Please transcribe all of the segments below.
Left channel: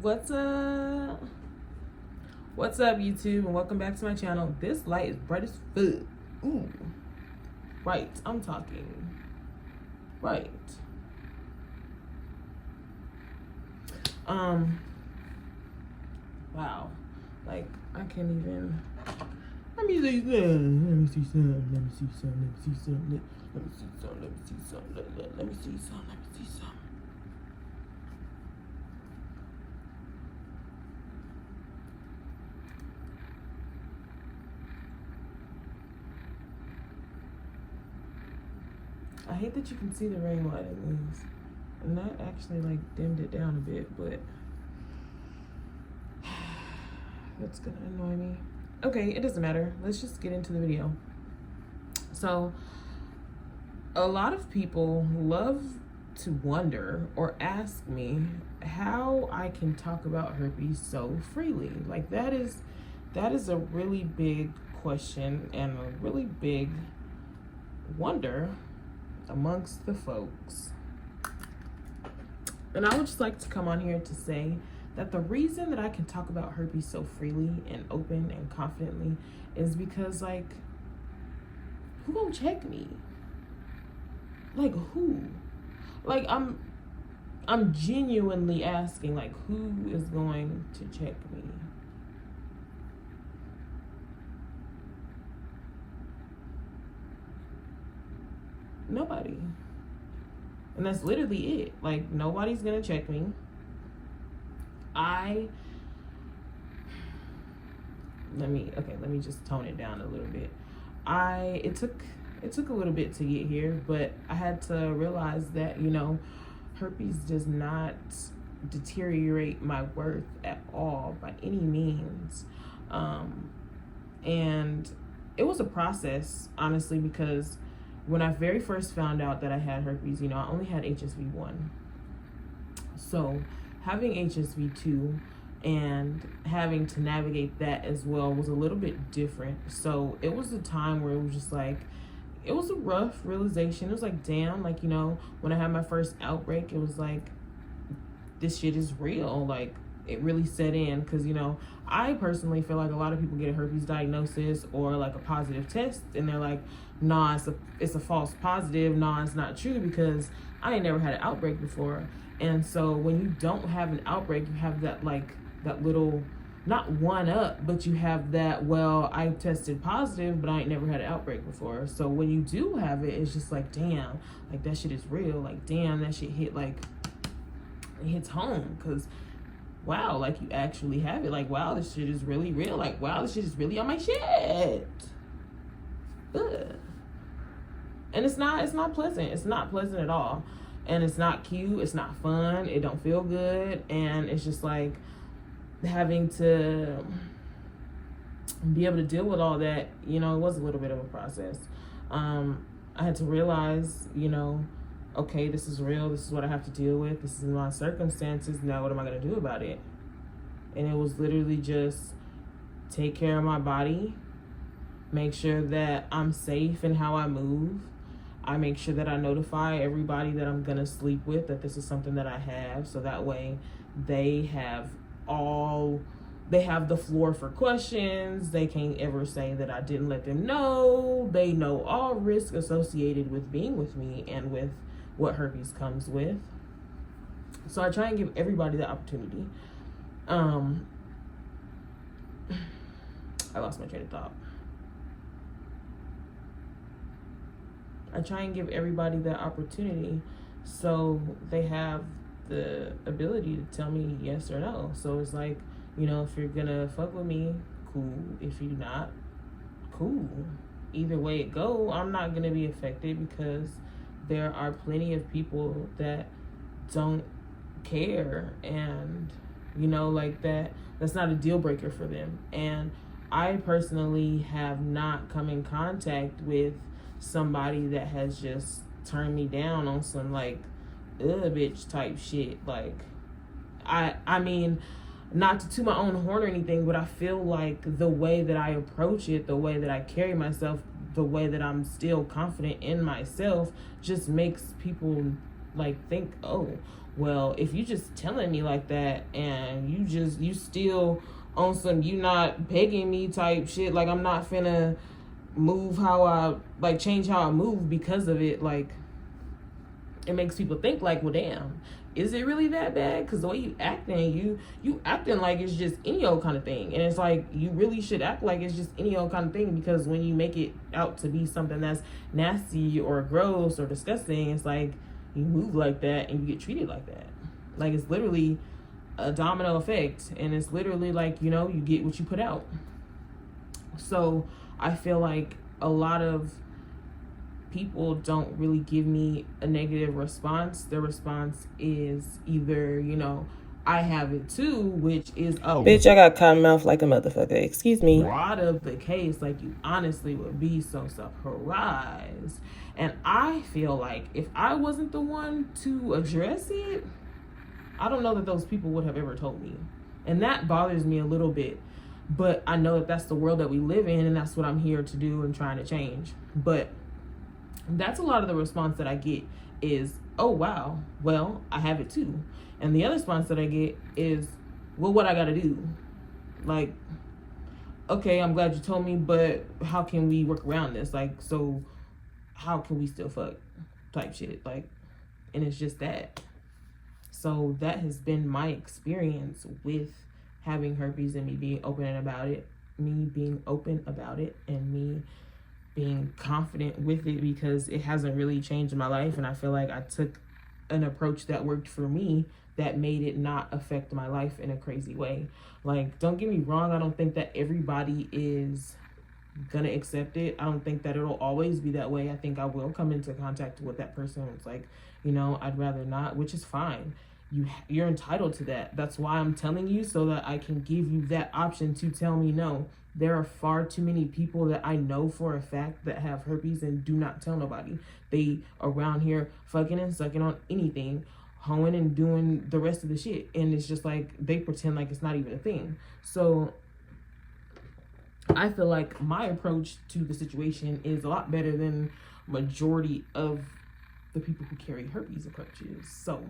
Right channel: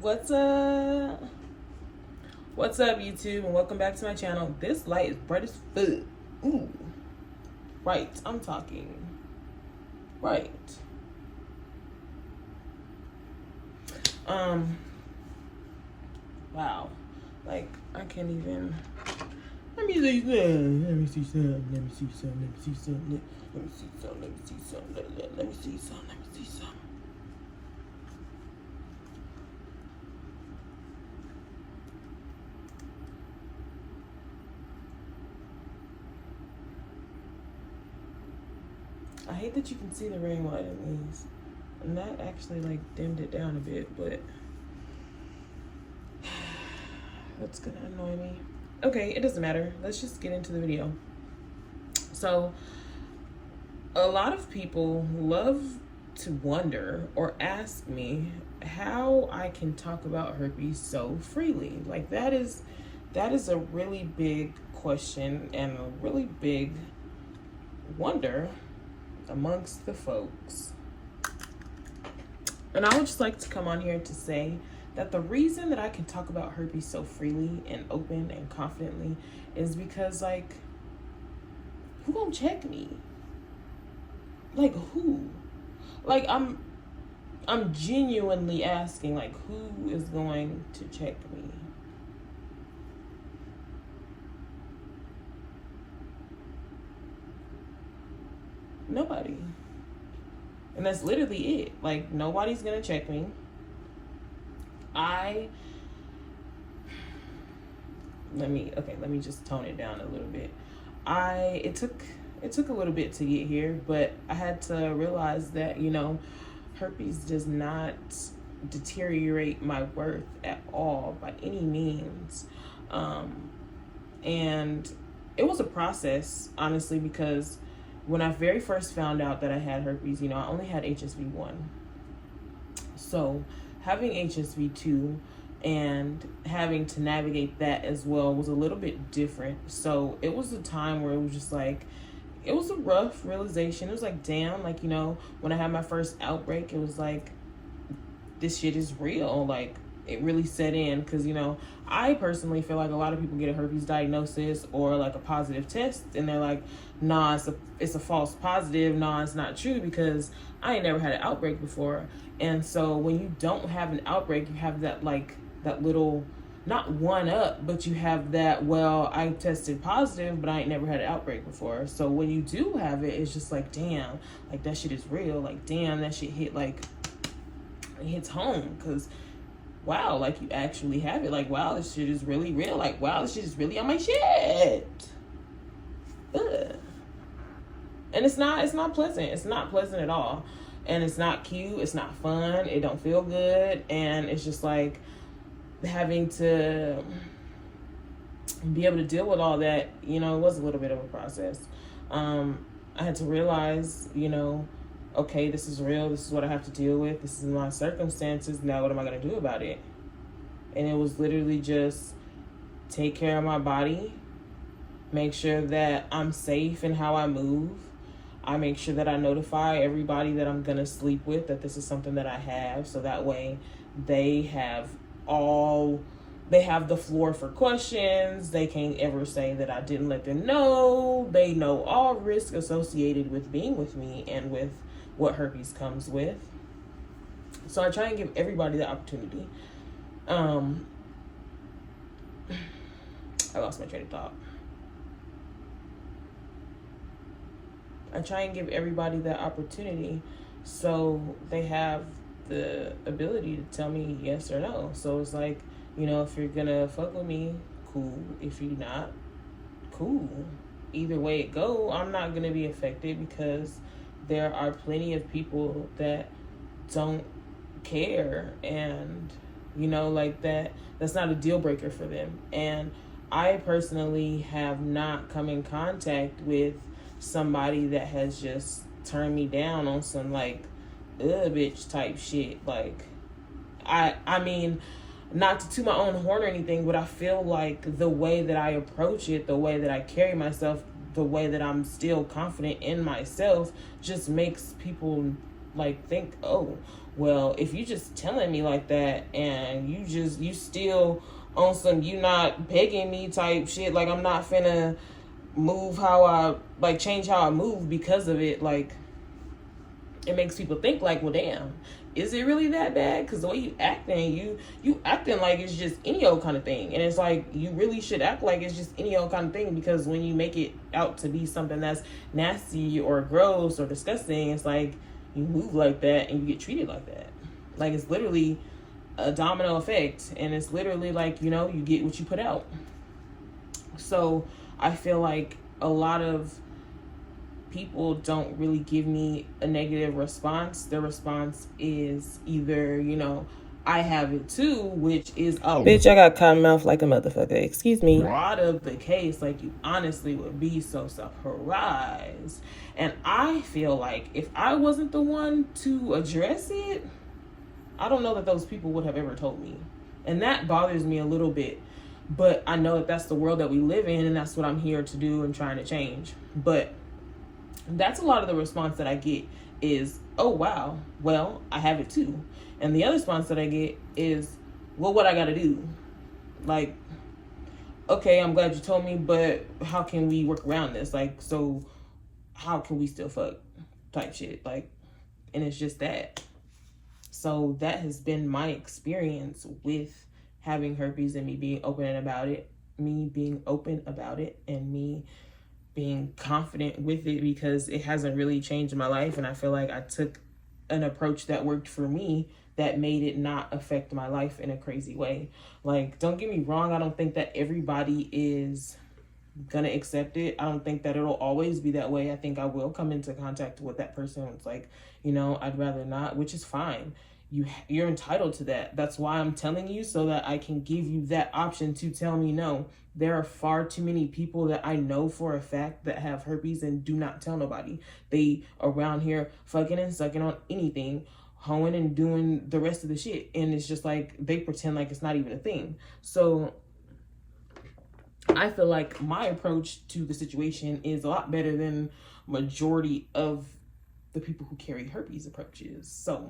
What's up? What's up, YouTube, and welcome back to my channel. This light is bright as fuck. Ooh. Right, I'm talking. Right. Wow. Like, I can't even. Let me see some. Let me see some. Let me see some. Let me see some. Let me see some. Let me see some. Let me see some. Let me see some. I hate that you can see the rain while it leaves. And that actually like dimmed it down a bit, but that's gonna annoy me. Okay, it doesn't matter. Let's just get into the video. So, a lot of people love to wonder or ask me how I can talk about herpes so freely. Like that is a really big question and a really big wonder amongst the folks. And I would just like to come on here to say that the reason that I can talk about herpes so freely and open and confidently is because, like, who gonna check me? Like, who? Like, I'm genuinely asking, like, who is going to check me? Nobody. And that's literally it. Like, nobody's gonna check me. Let me just tone it down a little bit. It took a little bit to get here, but I had to realize that, you know, herpes does not deteriorate my worth at all by any means. And it was a process, honestly, because when I very first found out that I had herpes, you know, I only had HSV1. So having HSV2 and having to navigate that as well was a little bit different. So it was a time where it was just like, it was a rough realization. It was like, damn, like, you know, when I had my first outbreak, it was like, this shit is real. Like, it really set in, because, you know, I personally feel like a lot of people get a herpes diagnosis or like a positive test and they're like, nah, it's a false positive. Nah, it's not true, because I ain't never had an outbreak before. And so when you don't have an outbreak, you have that, like, that little, not one up, but you have that, well, I tested positive, but I ain't never had an outbreak before. So when you do have it, it's just like, damn, like, that shit is real. Like, damn, that shit hit, like, it hits home, because wow, like, you actually have it. Like, wow, this shit is really real. Like, wow, this shit is really on my shit. Ugh. And it's not pleasant. It's not pleasant at all. And it's not cute. It's not fun. It don't feel good. And it's just like having to be able to deal with all that, you know, it was a little bit of a process. I had to realize, you know, okay, this is real. This is what I have to deal with. This is my circumstances. Now what am I going to do about it? And it was literally just take care of my body, make sure that I'm safe in how I move. I make sure that I notify everybody that I'm going to sleep with that this is something that I have. So that way they have the floor for questions. They can't ever say that I didn't let them know. They know all risk associated with being with me and with what herpes comes with. So I try and give everybody the opportunity. I lost my train of thought. I try and give everybody that opportunity so they have the ability to tell me yes or no. So it's like, you know, if you're gonna fuck with me, cool. If you're not, cool. Either way it go, I'm not gonna be affected, because there are plenty of people that don't care, and, you know, like, that's not a deal breaker for them. And I personally have not come in contact with somebody that has just turned me down on some, like, bitch type shit. Like, I mean, not to toot my own horn or anything, but I feel like the way that I approach it, the way that I carry myself, the way that I'm still confident in myself just makes people like think, oh, well, if you just telling me like that and you still on some you not begging me type shit, like I'm not finna move how I like change how I move because of it. Like it makes people think like, well, damn, is it really that bad? Because the way you acting, you acting like it's just any old kind of thing. And it's like, you really should act like it's just any old kind of thing, because when you make it out to be something that's nasty or gross or disgusting, it's like you move like that and you get treated like that. Like it's literally a domino effect, and it's literally like, you know, you get what you put out. So I feel like a lot of people don't really give me a negative response. Their response is either, you know, I have it too, which is, oh, bitch, I got cotton mouth like a motherfucker. Excuse me. A lot of the case, like, you honestly would be so surprised. And I feel like if I wasn't the one to address it, I don't know that those people would have ever told me. And that bothers me a little bit. But I know that that's the world that we live in, and that's what I'm here to do and trying to change. But that's a lot of the response that I get is, oh, wow, well, I have it too. And the other response that I get is, well, what I gotta do? Like, okay, I'm glad you told me, but how can we work around this? Like, so how can we still fuck type shit? Like, and it's just that. So that has been my experience with having herpes and me being open about it, and me being confident with it, because it hasn't really changed my life. And I feel like I took an approach that worked for me that made it not affect my life in a crazy way. Like, don't get me wrong, I don't think that everybody is gonna accept it. I don't think that it'll always be that way. I think I will come into contact with that person. It's like, you know, I'd rather not, which is fine. You're entitled to that. That's why I'm telling you, so that I can give you that option to tell me no. There are far too many people that I know for a fact that have herpes and do not tell nobody. They around here fucking and sucking on anything, hoeing and doing the rest of the shit. And it's just like, they pretend like it's not even a thing. So I feel like my approach to the situation is a lot better than majority of the people who carry herpes approaches. So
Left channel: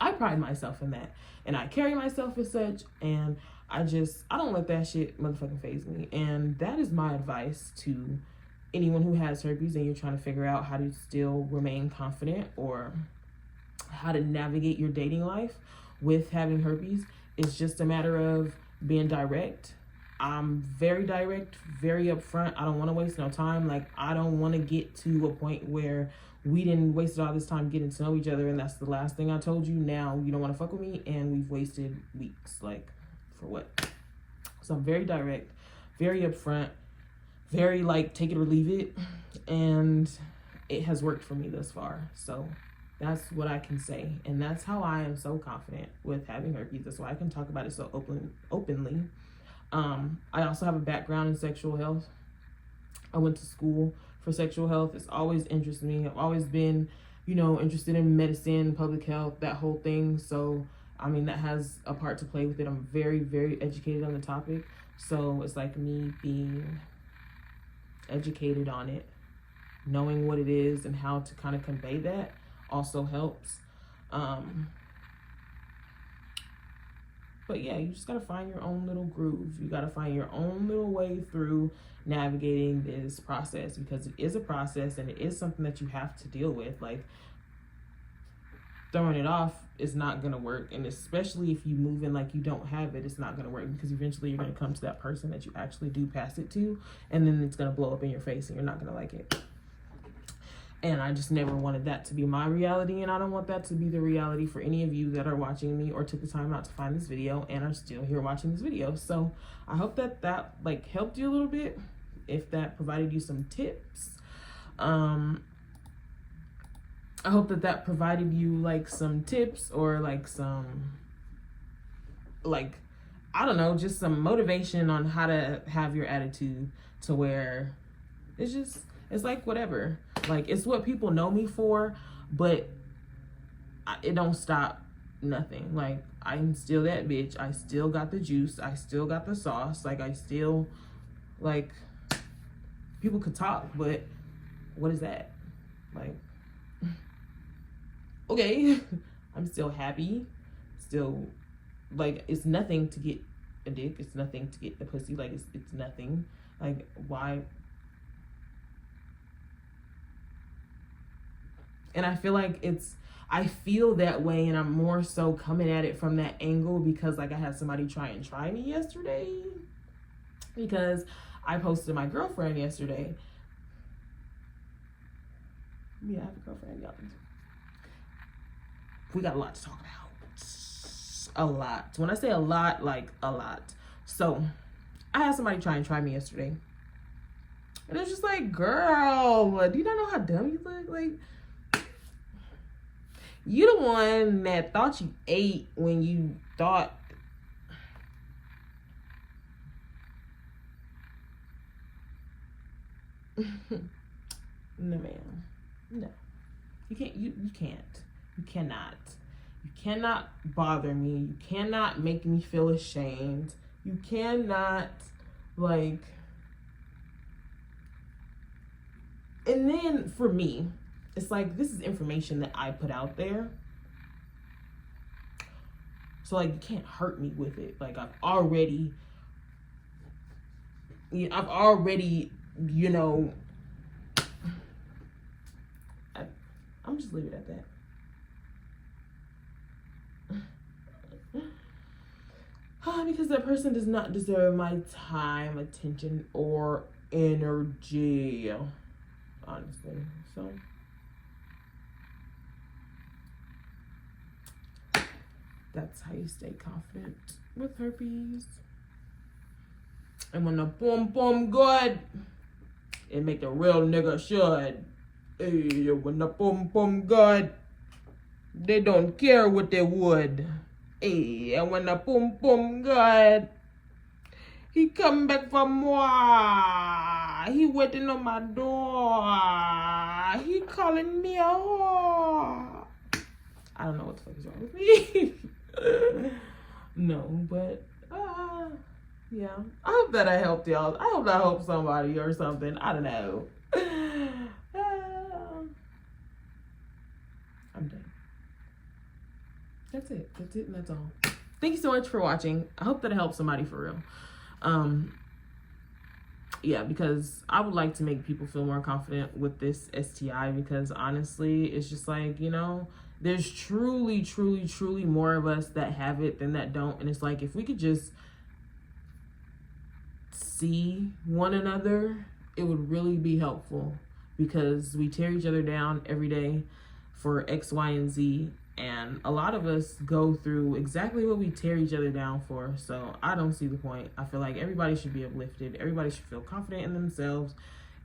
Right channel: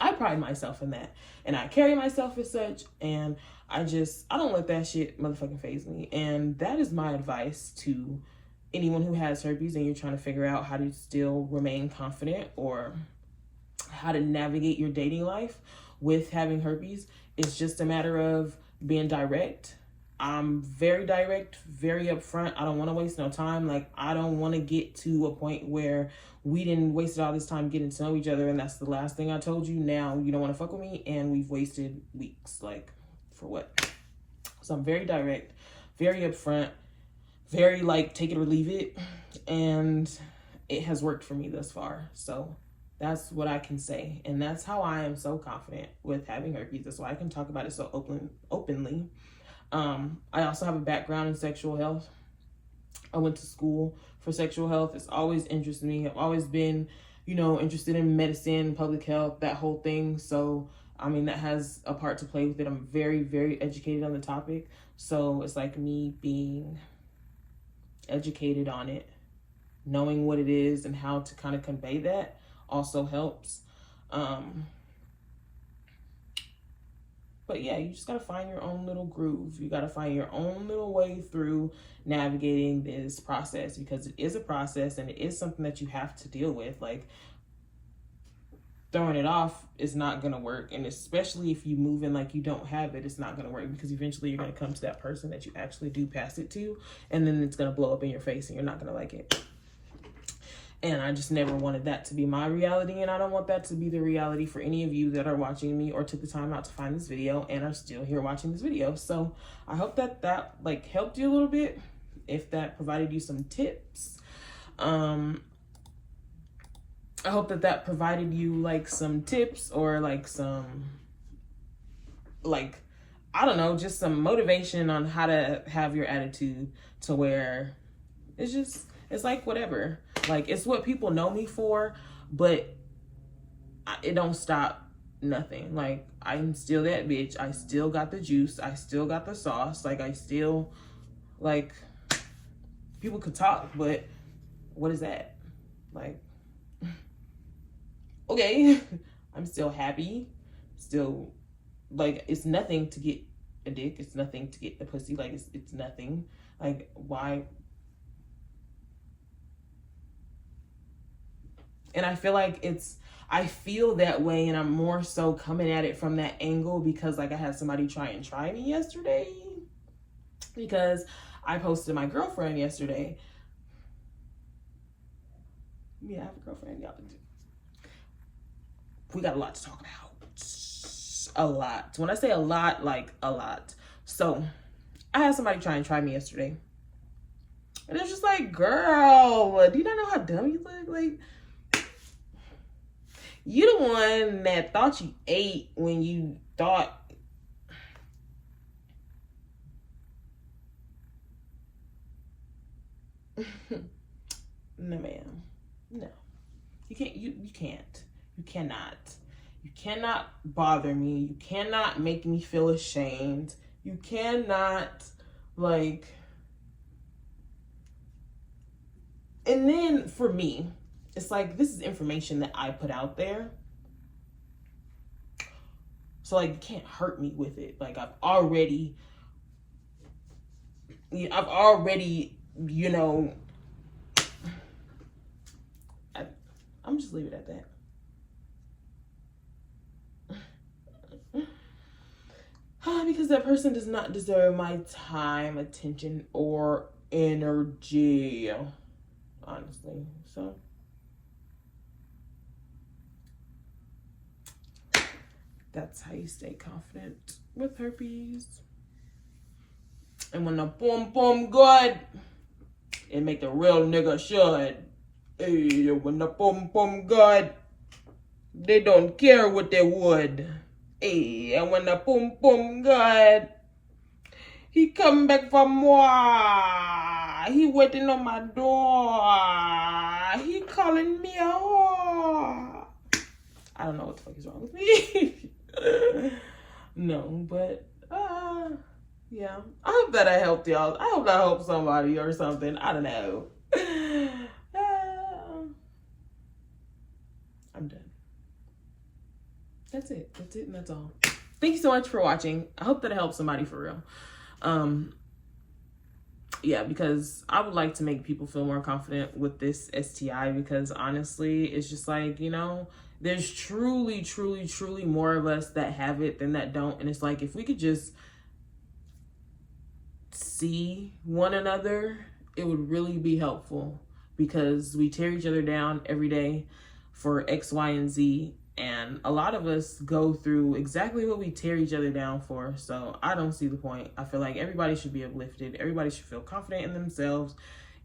I pride myself in that, and I carry myself as such, and I don't let that shit motherfucking faze me. And that is my advice to anyone who has herpes and you're trying to figure out how to still remain confident or how to navigate your dating life with having herpes. It's just a matter of being direct. I'm very direct, very upfront. I don't want to waste no time. Like, I don't want to get to a point where we didn't waste all this time getting to know each other, and that's the last thing I told you. Now you don't want to fuck with me, and we've wasted weeks. Like, for what? So I'm very direct, very upfront, very like take it or leave it, and it has worked for me thus far. So that's what I can say, and that's how I am so confident with having herpes. That's why I can talk about it so openly. I also have a background in sexual health. I went to school for sexual health. It's always interested me. I've always been, you know, interested in medicine, public health, that whole thing. So, I mean, that has a part to play with it. I'm very, very educated on the topic. So it's like me being educated on it, knowing what it is and how to kind of convey that also helps. But yeah, you just got to find your own little groove. You got to find your own little way through navigating this process, because it is a process and it is something that you have to deal with. Like, throwing it off is not going to work. And especially if you move in like you don't have it, it's not going to work, because eventually you're going to come to that person that you actually do pass it to, and then it's going to blow up in your face and you're not going to like it. And I just never wanted that to be my reality, and I don't want that to be the reality for any of you that are watching me or took the time out to find this video and are still here watching this video. So I hope that like helped you a little bit, if that provided you some tips. I hope that provided you like some tips, or like some, like, I don't know, just some motivation on how to have your attitude to where it's like whatever. Like, it's what people know me for, but it don't stop nothing. Like, I'm still that bitch. I still got the juice. I still got the sauce. Like, I still, like, people could talk, but what is that? Like, okay. I'm still happy. Still, like, it's nothing to get a dick. It's nothing to get a pussy. Like, it's nothing. Like, why? And I feel like I feel that way, and I'm more so coming at it from that angle because, like, I had somebody try me yesterday because I posted my girlfriend yesterday. Yeah, I have a girlfriend, y'all. We got a lot to talk about. A lot. When I say a lot, like a lot. So I had somebody try me yesterday. And it's just like, girl, do you not know how dumb you look? Like, you the one that thought you ate when you thought. No, ma'am. No. You can't. You can't. You cannot. You cannot bother me. You cannot make me feel ashamed. You cannot, like. And then for me, it's like, this is information that I put out there. So, like, you can't hurt me with it. Like, I've already, you know, I'm just leave it at that. Because that person does not deserve my time, attention, or energy. Honestly. So that's how you stay confident with herpes. And when the boom good, it make the real nigga should. Hey, when the boom good, they don't care what they would. Hey, and when the boom good, he come back for more. He waiting on my door. He calling me a whore. I don't know what the fuck is wrong with me. No, but yeah. I hope that I helped y'all. I hope that I helped somebody or something. I don't know. I'm done. That's it. That's it, and that's all. Thank you so much for watching. I hope that it helped somebody for real. Yeah, because I would like to make people feel more confident with this STI, because honestly, it's just like, you know, there's truly more of us that have it than that don't. And it's like, if we could just see one another, it would really be helpful, because we tear each other down every day for X, Y, and Z. And a lot of us go through exactly what we tear each other down for. So I don't see the point. I feel like everybody should be uplifted. Everybody should feel confident in themselves.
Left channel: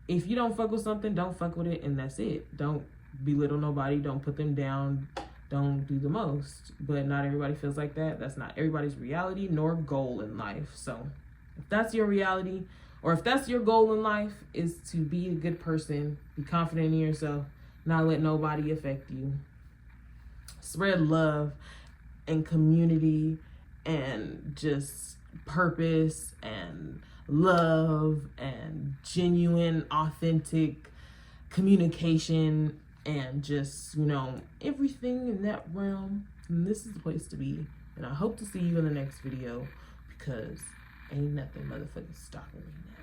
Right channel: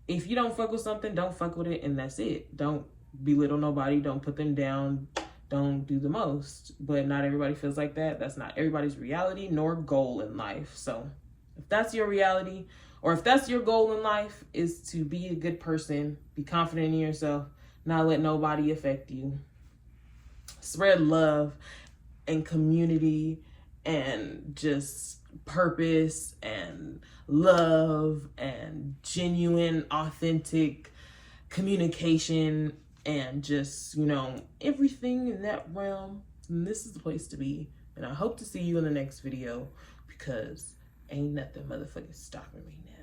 If you don't fuck with something, don't fuck with it, and that's it. Don't belittle nobody. Don't put them down. Don't do the most. But not everybody feels like that. That's not everybody's reality nor goal in life. So if that's your reality, or if that's your goal in life, is to be a good person, be confident in yourself, not let nobody affect you. Spread love and community and just purpose and love and genuine, authentic communication and just, you know, everything in that realm. And this is the place to be. And I hope to see you in the next video, because ain't nothing motherfucking stopping me now.